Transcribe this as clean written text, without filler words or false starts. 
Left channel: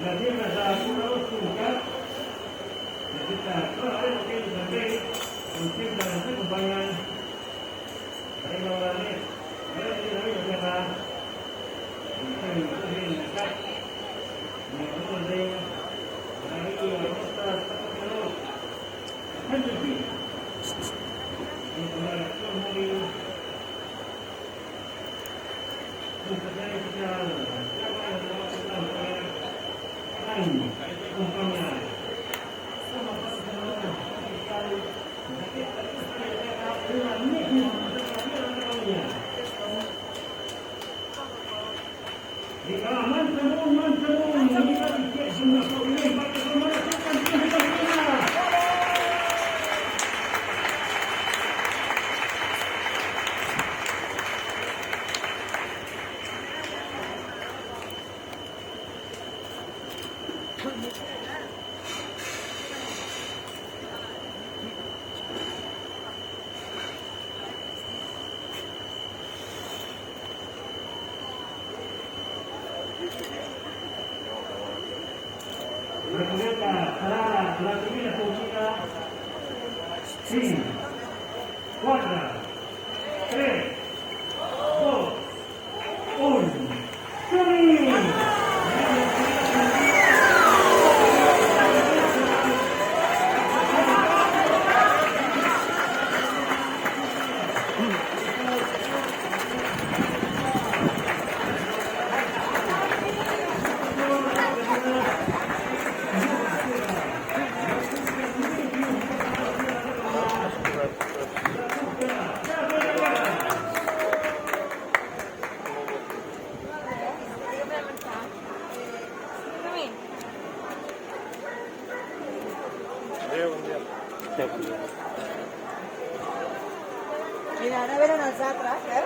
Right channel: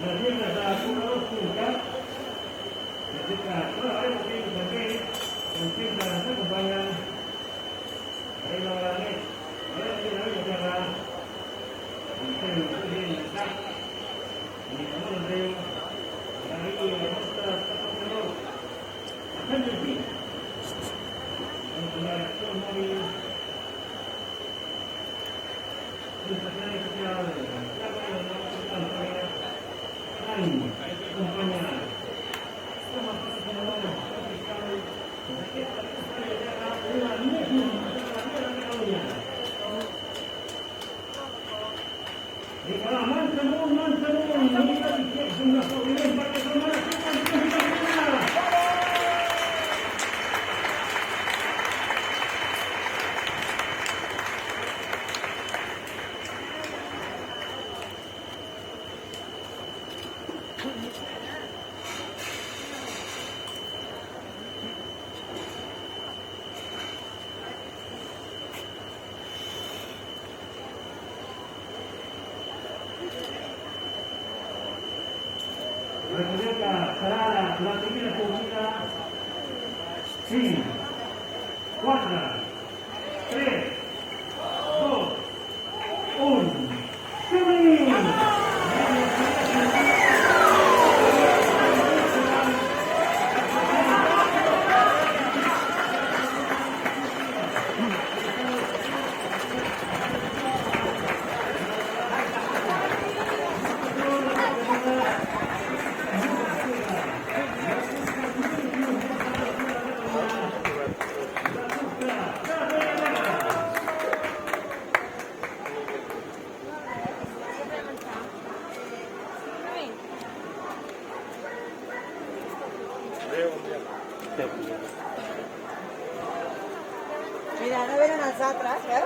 Jadi ada pulau puncak, jadi kalau ada mungkin sebagai mungkin dalam kebanyakan dari orangnya, ada di dalam negara mungkin itu dia dekat, mungkin dari kota tertentu, kan jadi untuk mereka mari misalnya kita siapa yang mau kita compagnia sama pasangan sekali di kalangan teman-teman kita tidak semua problem pada pemerasan kita. Mereka serah pelatih kita 5, 4, 3, 2, 1, shooting! Mira, no vieron hacia atrás, ¿eh?